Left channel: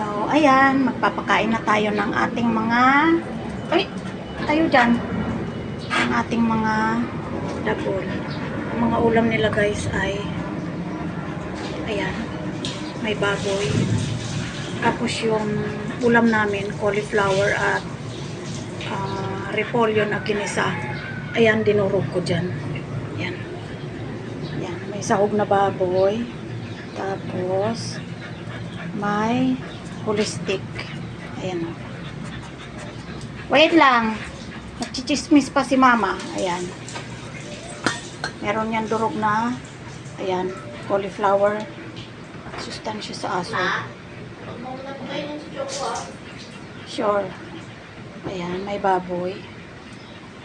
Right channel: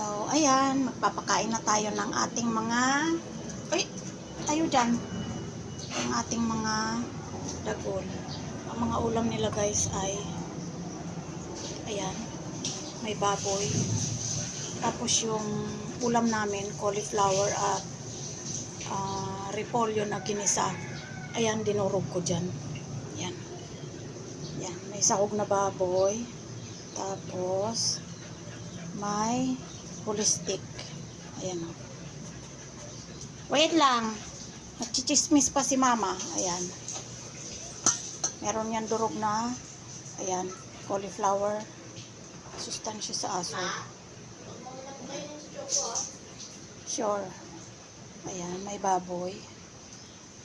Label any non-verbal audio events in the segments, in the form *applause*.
So, ayan, magpapakain na tayo ng ating mga, ay, tayo dyan, ang ating mga dagol. Ang mga ulam nila guys ay, ayan, may baboy. Tapos yung ulam namin, cauliflower at ah, repolyo na kinisa. Ayan, dinurog ko dyan. Ayan. Ayan, may sahog na baboy. Tapos, may holistic. Ayan o. Wait lang. Nagchichismis pa si mama. Ayan. Meron yan durog na. Ayan. Cauliflower. Sustansya sa aso. Sure. Ayan. May baboy.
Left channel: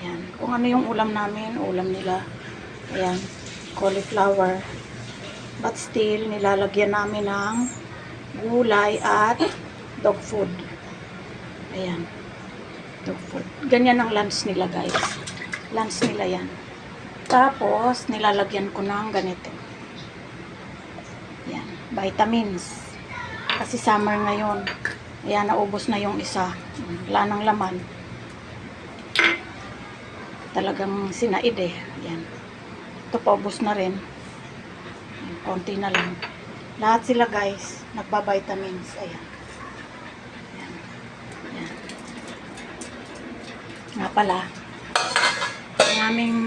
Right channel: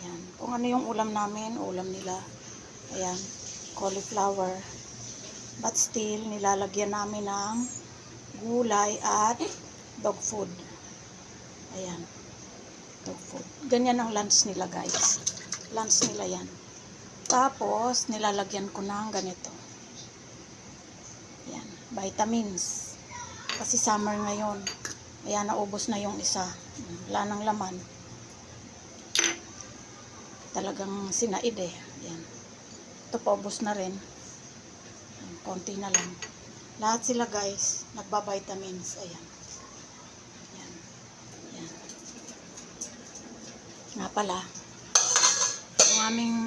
Ayan. Kung ano yung ulam namin, ulam nila. Ayan. Cauliflower. But still, nilalagyan namin ng gulay at dog food. Ayan. Dog food. Ganyan ang lunch nila, guys. Lunch nila yan. Tapos, nilalagyan ko ng ganito. Ayan. Vitamins. Kasi summer ngayon. Ayan, naubos na yung isa. Wala nang laman. Talagang sinaid eh. Ayan. Ito paubos na rin. Konti na lang. Lahat sila guys, nagba-vitamins. Ayan. Ayan. Ayan. Nga pala, yung aming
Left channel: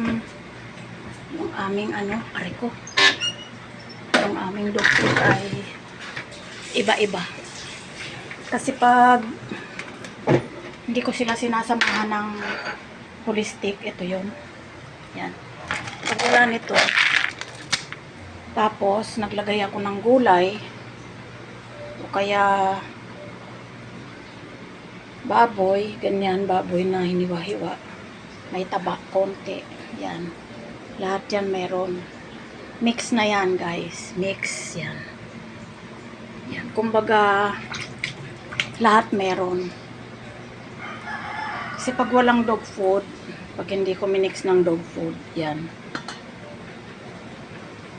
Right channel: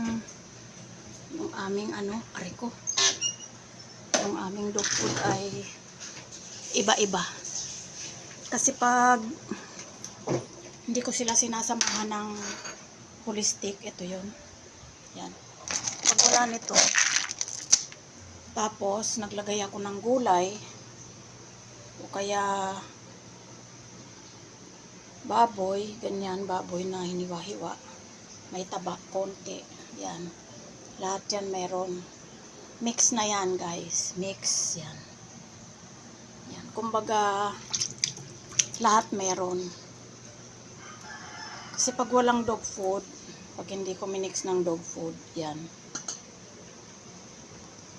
yung aming ano, aray ko. Yung aming doktor ay iba-iba. Kasi pag hindi ko sila sinasamahan ng holistic, ito yun. Yan. Pag wala nito, tapos, naglagay ako ng gulay. O kaya, baboy. Ganyan, baboy na hiniwa-hiwa. May taba, konti. Yan. Lahat yan meron. Mix na yan, guys. Mix, yan. Yan. Kumbaga, lahat meron. Kasi pag walang dog food, pag hindi ko minix ng dog food, yan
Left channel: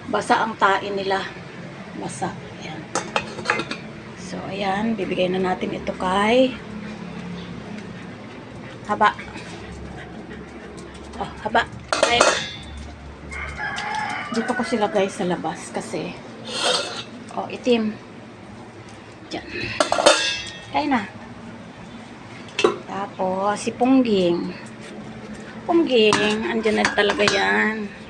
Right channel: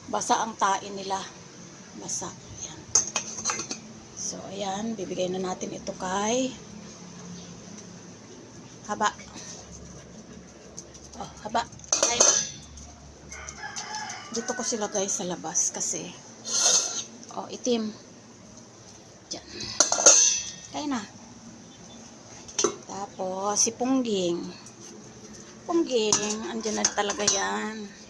basa ang tain nila. Basa. Ayan. So, ayan. Bibigay na natin ito kay haba. Oh, haba. Ay. Dito ko sila guys sa labas kasi oh, itim. Diyan. Kaya na. Tapos, si Pungging. Pungging, andyan na talaga. Yan.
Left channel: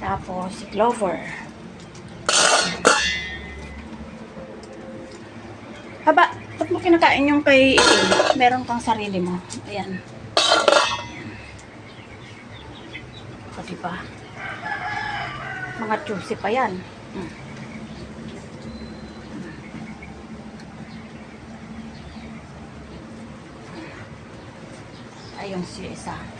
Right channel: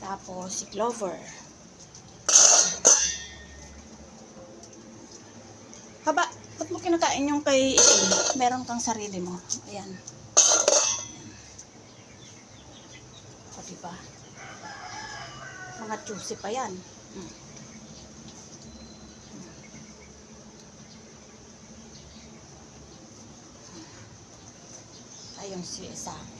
Tapos, si Clover. Haba, ba't mo kinakain yung kay itim? Meron kang sarili mo. Ayan. O, diba? Mga juicy pa yan. Hmm. Ayun si isa.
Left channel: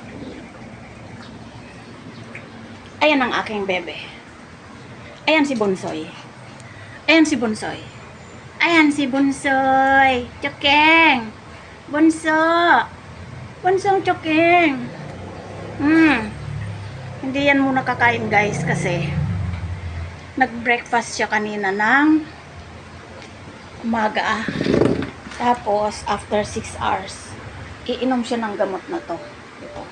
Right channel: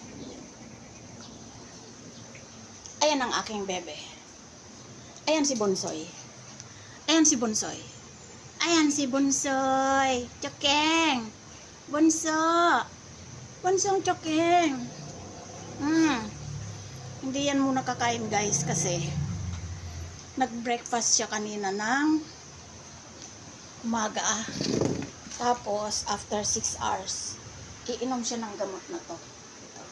Ayan ang aking bebe. Ayan si Bunsoy. Ayan si Bunsoy. Ayan si Bunsoy. Chokeng. Bunso. Bunsong Chokeng. Hmm. Hindi yan muna kakain guys kasi nag-breakfast siya kanina ng umaga. Tapos after 6 hours, iinom siya ng gamot na to. Ito.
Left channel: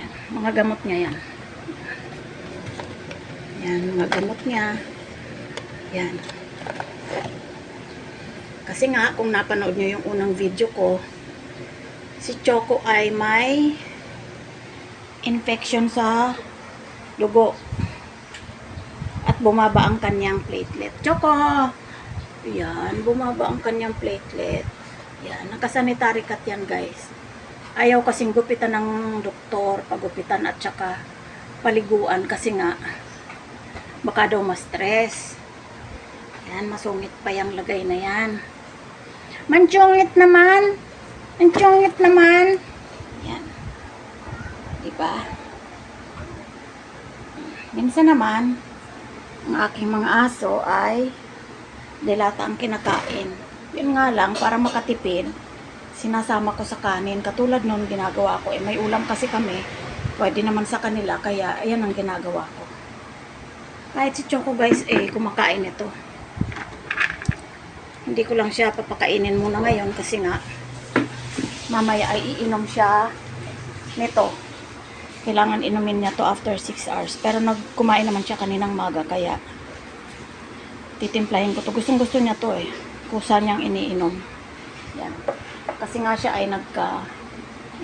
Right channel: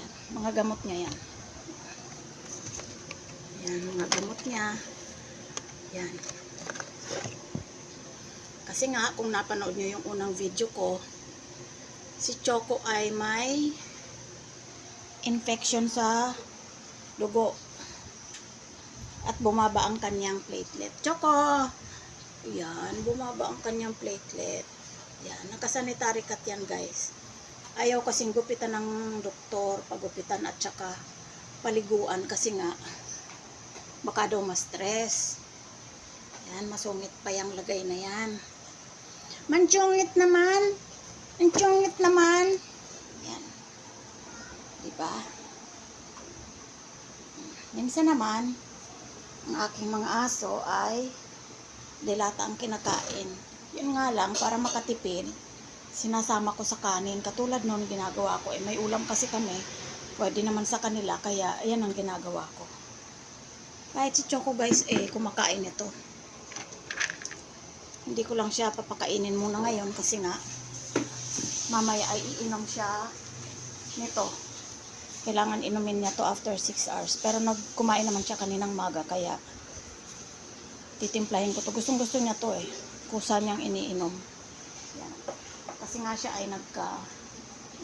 Yan. Mga gamot niya yan. Yan, mga niya. Yan. Kasi nga, kung napanood nyo yung unang video ko, si Choco ay may infection sa dugo. At bumaba ang kanyang platelet. Choco! Yan, bumaba ang kanyang platelet. Yan, nakasanitary cut yan guys. Ayaw kasing gupitan ng doktor, pagupitan at saka paliguan kasi nga baka daw ma-stress. Yan, masungit pa yung lagay na yan. Manchungit naman. Manchungit naman. Yan. Diba? Minsan naman, ang aking mga aso ay dilata ang kinakain. Yun nga lang, para makatipid, sinasama ko sa kanin. Katulad nun, ginagawa ko. Eh, may ulam kasi kami. Pwede naman sa kanila, kaya ayan ang ginagawa ko. Kahit si Choco guys, eh, kumakain ito. Hindi ko lang siya papakainin muna ngayon kasi nga, mamaya ay iinom siya nito. Kailangan inumin niya to after 6 hours. Pero nagkumain naman siya kaninang maga, kaya titimplahin ko to. Gustong gusto niya to eh. Kusa niyang iniinom. Yan. Kasi nga siya ay nagka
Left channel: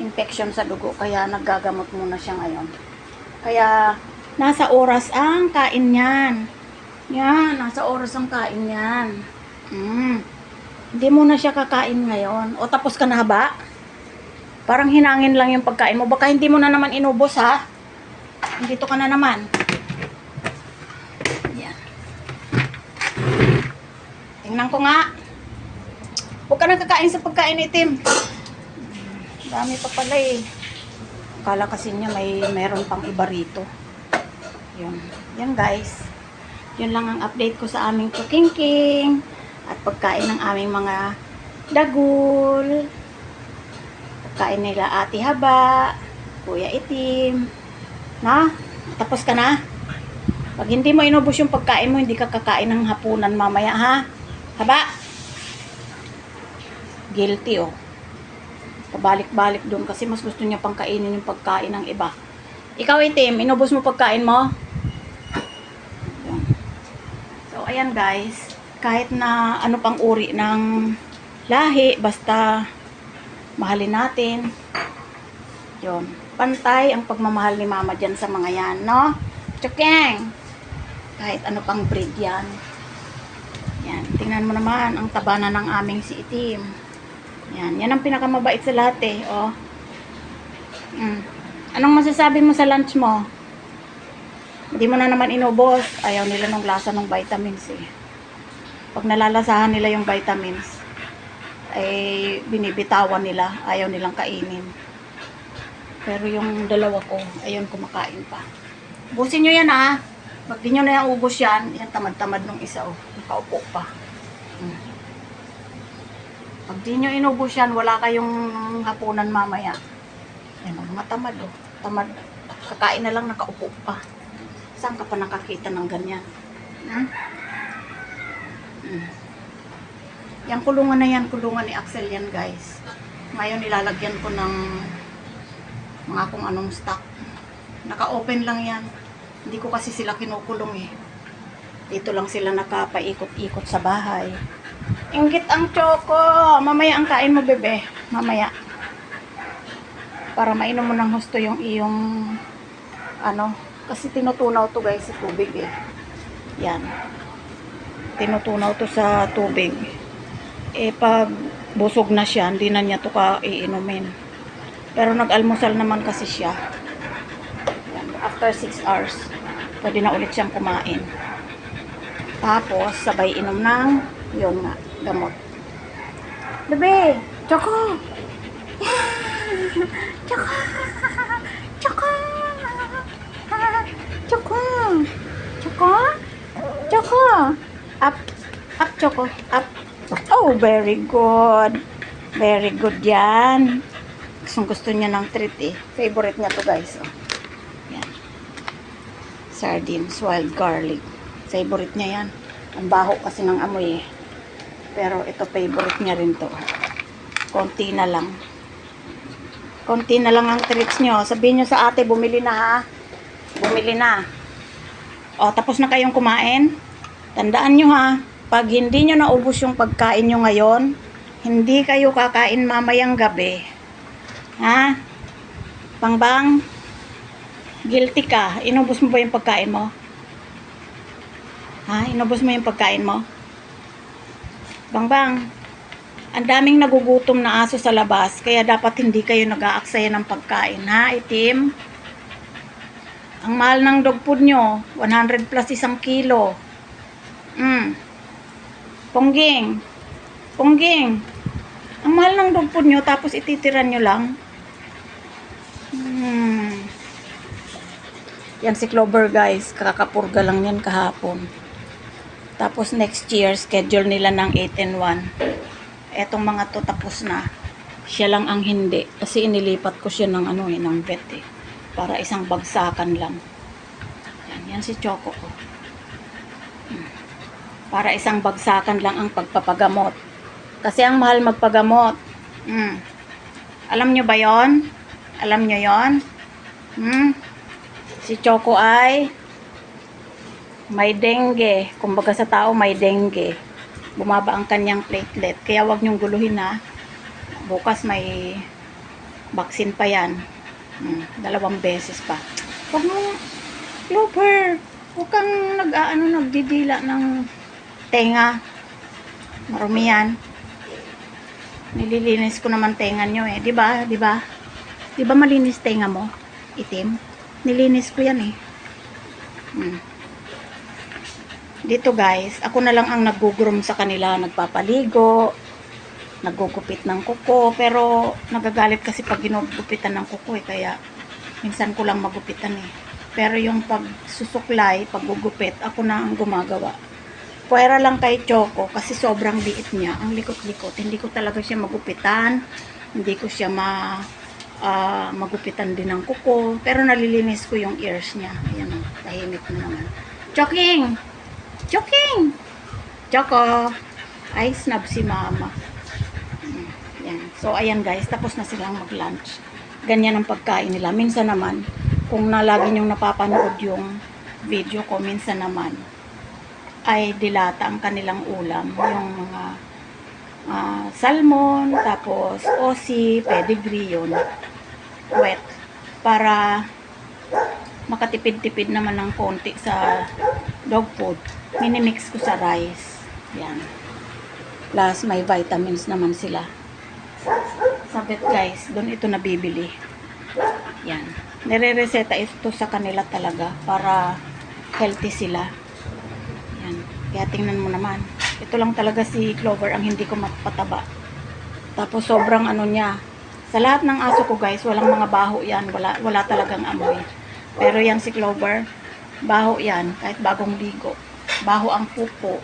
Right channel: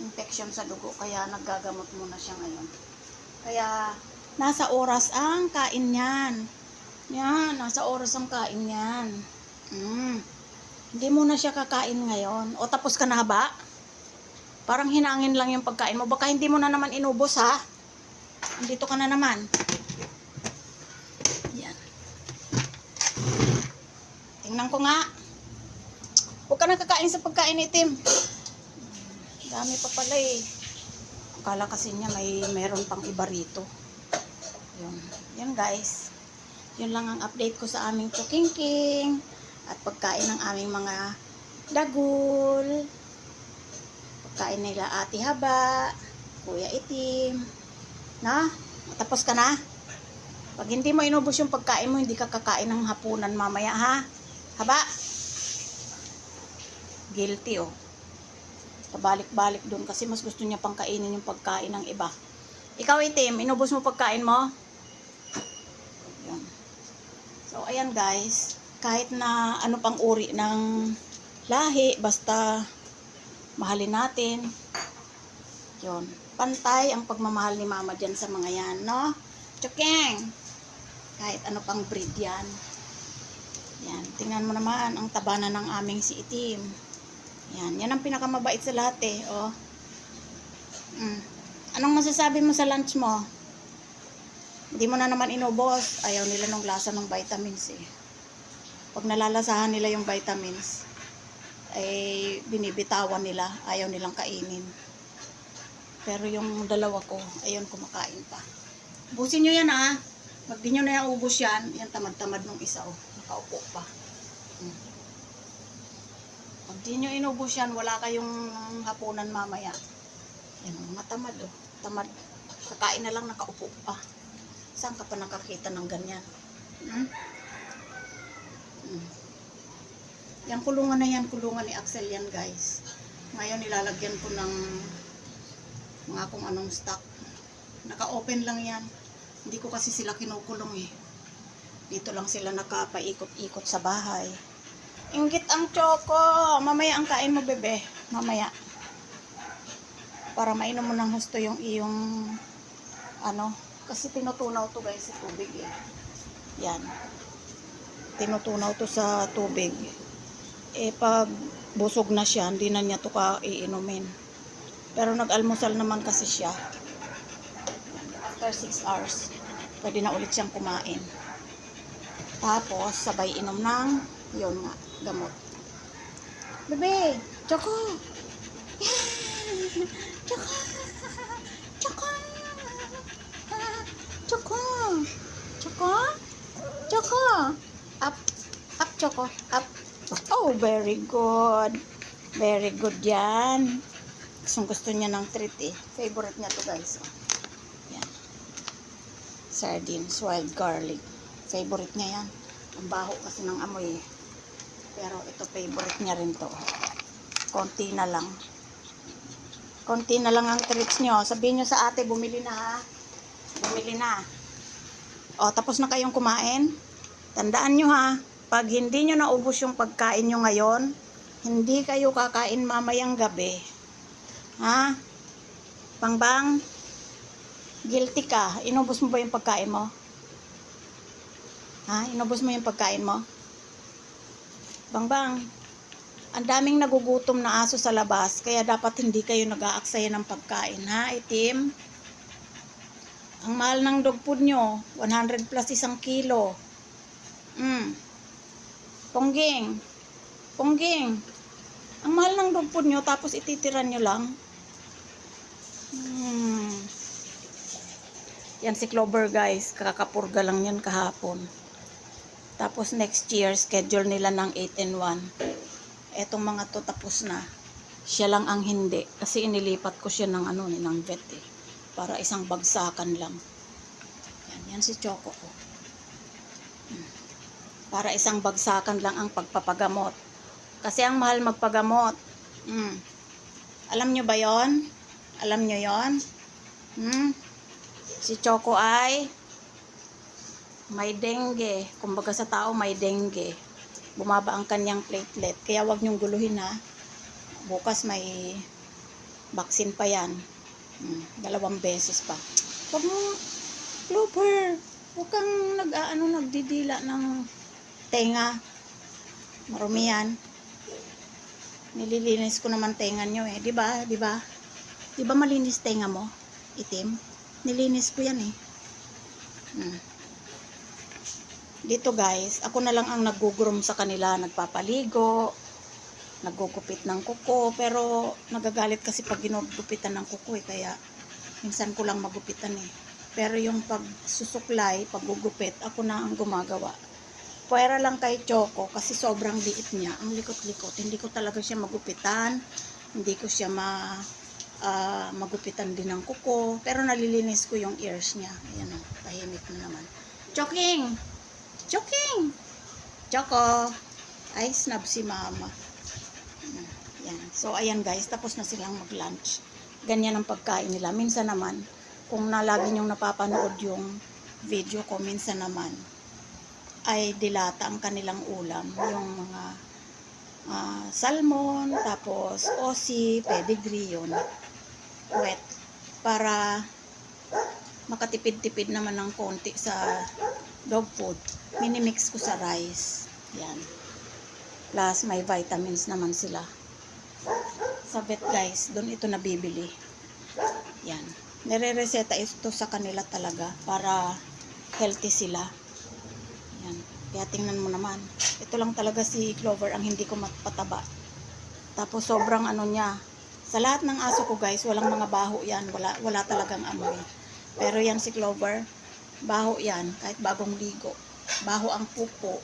infection sa dugo, kaya naggagamot muna siya ngayon. Kaya, nasa oras ang kain niyan. Yan, nasa oras ang kain niyan. Mm. Hindi mo na siya kakain ngayon. O tapos ka na ba? Parang hinangin lang yung pagkain mo. Baka hindi mo na naman inubos ha. Dito ka na naman. Yan. Tingnan ko nga. Huwag ka na kakain sa pagkain itim. Dami pa pala eh. Akala kasi niya may meron pang iba rito. Yun. Yan guys. Yun lang ang update ko sa aming cooking king at pagkain ng aming mga dagul. Pagkain nila ati haba, kuya itim. Na? Tapos ka na? Pag hindi mo inubos yung pagkain mo, hindi ka kakain ng hapunan mamaya ha? Haba? Guilty oh. Pabalik-balik doon kasi mas gusto niya pang kainin yung pagkain ng iba. Ikaw itim, inubos mo pagkain mo? Yun. So, ayan guys. Kahit na ano pang uri ng lahi, basta mahalin natin. Yun. Pantay ang pagmamahal ni mama dyan sa mga yan, no? Chukeng! Kahit ano pang breed yan. Yan. Tingnan mo naman ang taba na ng aming si itim. Yan. Yan ang pinakamabait sa lahat eh. Oh. Mm. Anong masasabi mo sa lunch mo? Hindi mo na naman inubos. Ayaw nila ng lasa ng vitamins eh. Pag nalalasahan nila yung vitamins, ay binibitawan nila. Ayaw nilang kainin. Pero yung dalawa ko, ayun kumakain pa. Busin nyo yan ha. Pag di nyo na yung ubos yan, yan tamad-tamad nung isa oh. Nakaupo pa. Hmm. Pag di nyo inubos yan, wala kayong hapunan mamaya. Oh, matamad oh. Tamad. Kakain na lang nakaupo pa. Saan ka pa nakakita ng ganyan? Hmm? Hmm. Yung kulungan na yan, kulungan ni Axel yan guys. Ngayon nilalagyan ko ng mga kung anong stock. Naka-open lang yan. Hindi ko kasi sila kinukulong eh. Dito lang sila nakapaikot-ikot sa bahay. Ingit ang choco. Mamaya ang kain mo, bebe. Mamaya. Para mainom mo ng husto yung iyong ano. Kasi tinutunaw to guys sa tubig eh. Yan. Tinutunaw to sa tubig. Eh pag busog na siya, hindi na niya to ka iinumin. Pero nag-almusal naman kasi siya. Yan. After 6 hours, pwede na ulit siyang kumain. Tapos, sabay inom ng, yun nga, gamot. Bebe, Choco! *laughs* Choco! Choco? Choco! Up! Up, Choco! Up! Oh, very good! Very good yan. Gusto gusto niya ng treat eh. Favorite niya to guys. Oh. Yan. Sardines, wild garlic. Favorite niya yan. Ang baho kasi ng amoy eh. Pero ito favorite niya rin to. Konti na lang. Konti na lang ang treats nyo. Sabihin nyo sa ate, bumili na ha. Bumili na. O, tapos na kayong kumain? Tandaan nyo ha. Pag hindi nyo naubos yung pagkain nyo ngayon, hindi kayo kakain mamayang gabi. Ha? Pangbang? Guilty ka. Inubos mo ba yung pagkain mo? Ha? Inubos mo yung pagkain mo? Bangbang, ang daming nagugutom na aso sa labas, kaya dapat hindi kayo nag-aaksaya ng pagkain, ha, itim? Ang mahal ng dog food nyo, 100 plus isang kilo. Mm. Pongging. Pongging. Ang mahal ng dog food nyo, tapos ititiran nyo lang. Hmm. Yan si Clover guys, kakapurga lang yan kahapon. Tapos next year, schedule nila ng 8 and 1. Etong mga to tapos na. Siya lang ang hindi. Kasi inilipat ko siya ng ano eh, ng vet eh. Para isang bagsakan lang. Yan, yan si Choco ko. Para isang bagsakan lang ang pagpapagamot. Kasi ang mahal magpagamot. Mm. Alam nyo ba yon? Alam nyo yon? Hmm? Si Choco ay may dengue. Kumbaga sa tao may dengue. Bumaba ang kanyang platelet. Kaya wag niyong guluhin na. Bukas may vaccine pa yan. Hmm, dalawang beses pa. Huwag mo, Clover, huwag kang nag-ano, nagdidila ng tenga. Marumi yan. Nililinis ko naman tenga nyo eh. Di ba? Di ba? Di ba malinis tenga mo? Itim? Nilinis ko yan eh. Hmm. Dito guys, ako na lang ang nagugrom sa kanila, nagpapaligo, nagugupit ng kuko, pero nagagalit kasi pag ginugupitan ng kuko eh, kaya minsan ko lang magupitan eh. Pero yung pagsusuklay, paggugupit, ako na ang gumagawa. Pwera lang kay Choco kasi sobrang liit niya, ang likot-likot. Hindi ko talaga siya magupitan, hindi ko siya ma ah, magupitan din ng kuko, pero nalilinis ko yung ears niya. Ayan o, tahimik na naman. Choking! Choking! Choco! Ay, snub si mama. Mm, Yan. So, ayan guys, tapos na silang mag-lunch. Ganyan ang pagkain nila. Minsan naman, kung nalagi niyong napapanood yung video ko, minsan naman, ay dilata ang kanilang ulam. Yung mga ah, salmon, tapos osi, pedigree yun. Wet. Para makatipid-tipid naman ng konti sa dog food. Minimix ko sa rice. Yan. Plus, may vitamins naman sila. Sa vet guys, doon ito nabibili. Yan. Nire-reseta ito sa kanila talaga para healthy sila. Yan. Kaya tingnan mo naman. Ito lang talaga si Clover ang hindi ko mapataba. Tapos sobrang ano niya. Sa lahat ng aso ko guys, walang mga baho yan. Wala, wala talagang amoy. Pero yan si Clover, baho yan. Kahit bagong ligo. Baho ang pupo.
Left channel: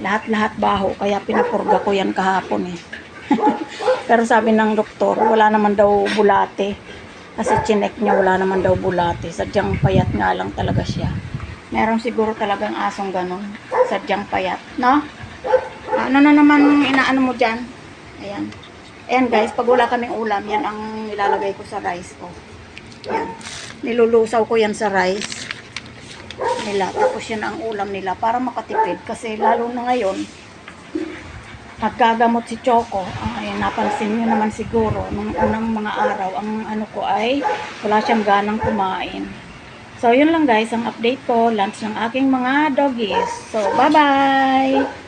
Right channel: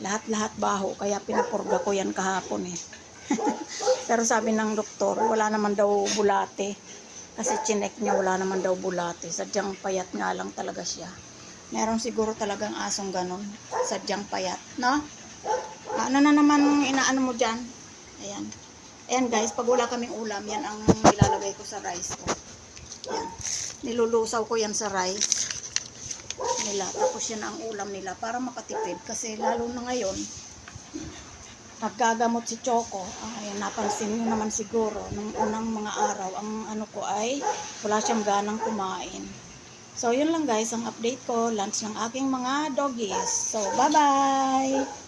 Lahat-lahat baho. Kaya pinapurga ko yan kahapon eh. *laughs* Pero sabi ng doktor, wala naman daw bulate. Kasi chinek niya, wala naman daw bulate. Sadyang payat nga lang talaga siya. Meron siguro talagang asong ganon. Sadyang payat. No? Ano na naman inaano mo dyan? Ayan. Ayan guys, pag wala kaming ulam, yan ang nilalagay ko sa rice ko. Yan. Nilulusaw ko yan sa rice nila. Tapos yan ang ulam nila para makatipid. Kasi lalo na ngayon, naggagamot si Choco. Ay, napansin niyo naman siguro, nung unang mga araw, ang ano ko ay wala siyang ganang kumain. So, yun lang guys, ang update ko, lunch ng aking mga doggies. So, bye-bye!